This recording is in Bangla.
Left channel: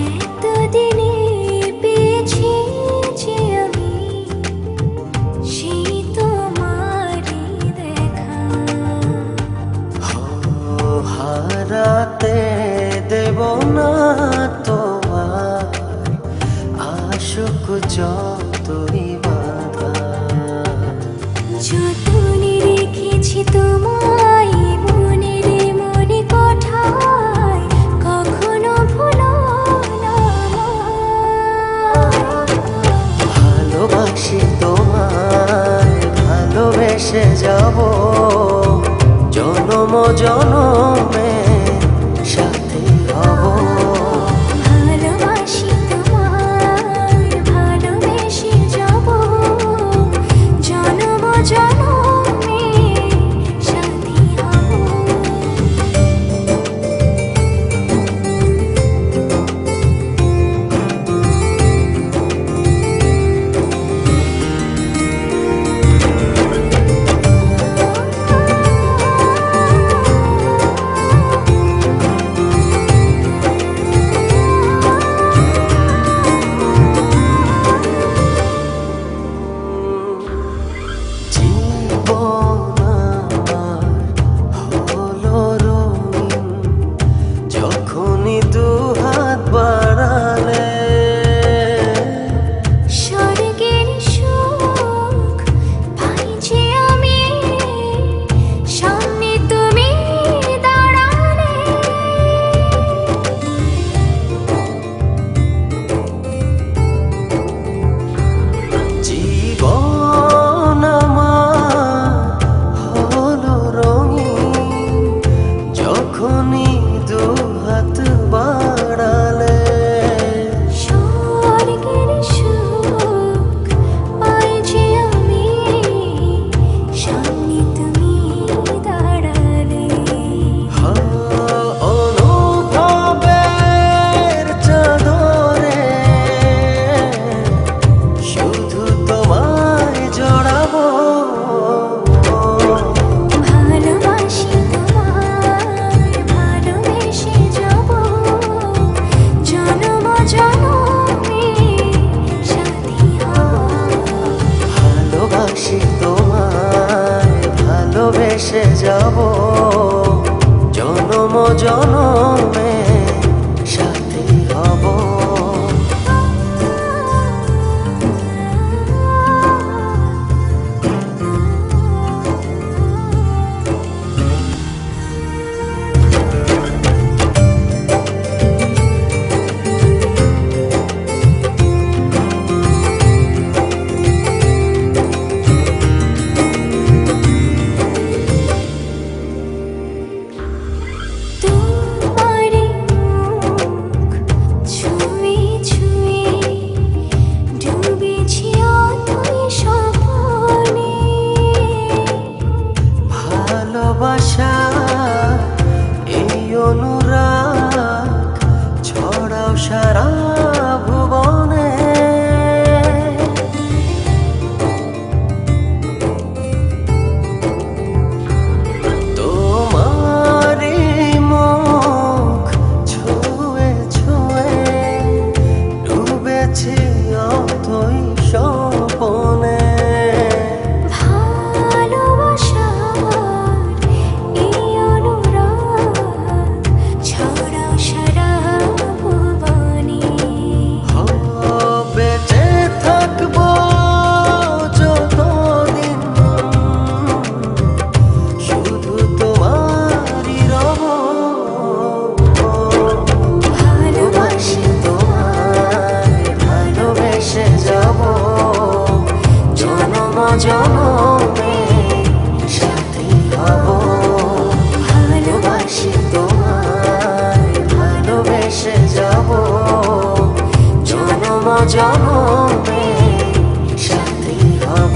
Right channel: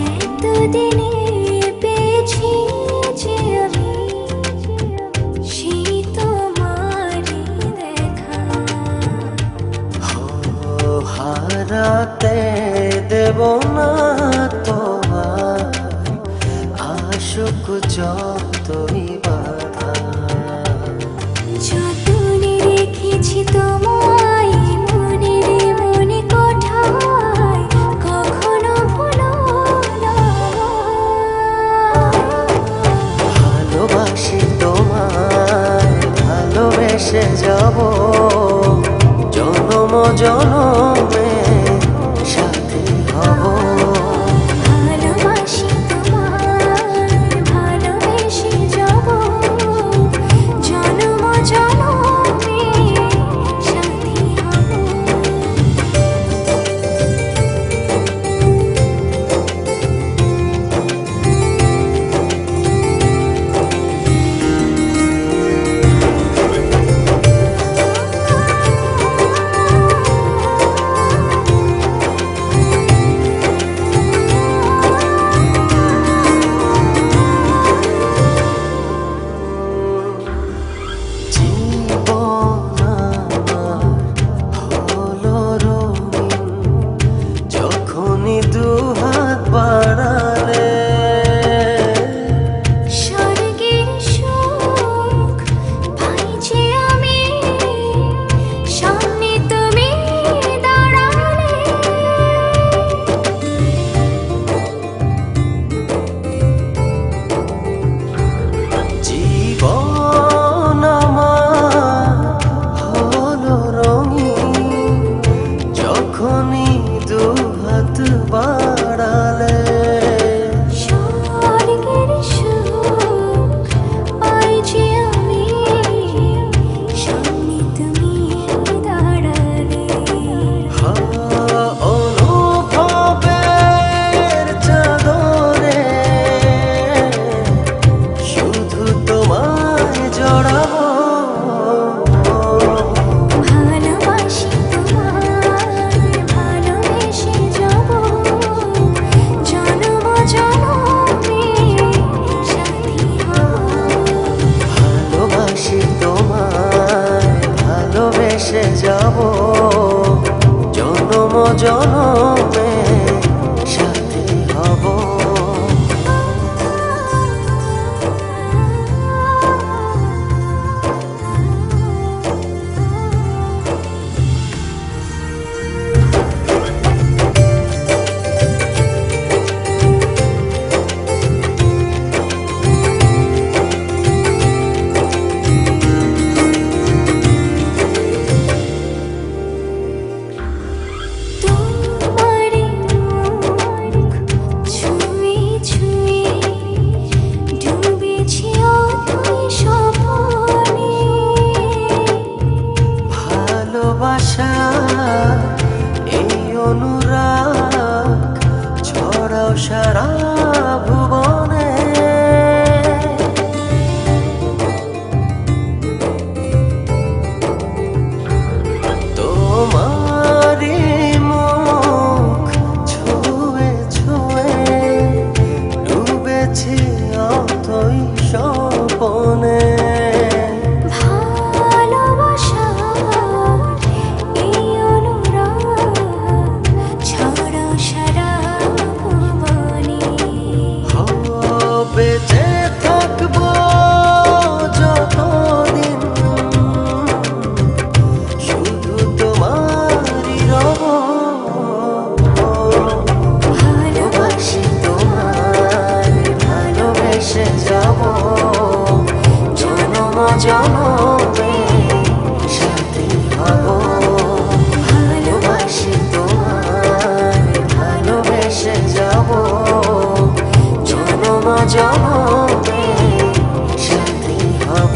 এতদিনে পেয়েছি যে আমি সেই তোমারই দেখা। হারাতে দেব না তোমার আশুক যতই বাধা। যতনে রেখেছি তোমায় মনের মনে কোঠায়, কখনো ভুলো না আমায়। ভালোবাসি তোমায়, ভালোবেসে যাব জনম জনমে সাথী হব। ভালোবাসি তোমায়, ভালোবেসে যাব জনম জনমে সাথী হব। জীবন আমার হলো রঙিন যখনই দুহাত বাড়ালে। স্বর্গের সুখ পাই যে আমি সামনে তুমি দাঁড়ালে। জীবন আমার হলো রঙিন যখনই দুহাত বাড়ালে। স্বর্গের সুখ পাই যে আমি সামনে তুমি দাঁড়ালে। অনুভবের চাদরে শুধু তোমায় জড়াবো। ভালোবাসি তোমায়, ভালোবেসে যাব জনম জনমে সাথী হব। ভালোবাসি তোমায়, ভালোবেসে যাব জনম জনমে সাথী হব। তোমার মুখ ছুঁয়ে ছুঁয়ে ডুবেছি অথই স্বপ্নে। ভালোবাসা এই অনুরাগ ছড়াও সারা ভুবনে। তোমারি মুখ ছুঁয়ে ছুঁয়ে ডুবেছি অথই স্বপনে। ভালোবাসার এই অনুরাগ ছড়াও সারা ভুবনে। বেঁচে থাকবো যতদিন শুধু তোমারই রব। ভালোবাসি তোমায়, ভালোবেসে যাব জনম জনমে সাথী হব। ভালোবাসি তোমায়, ভালোবেসে যাব জনম জনমে সাথী হব।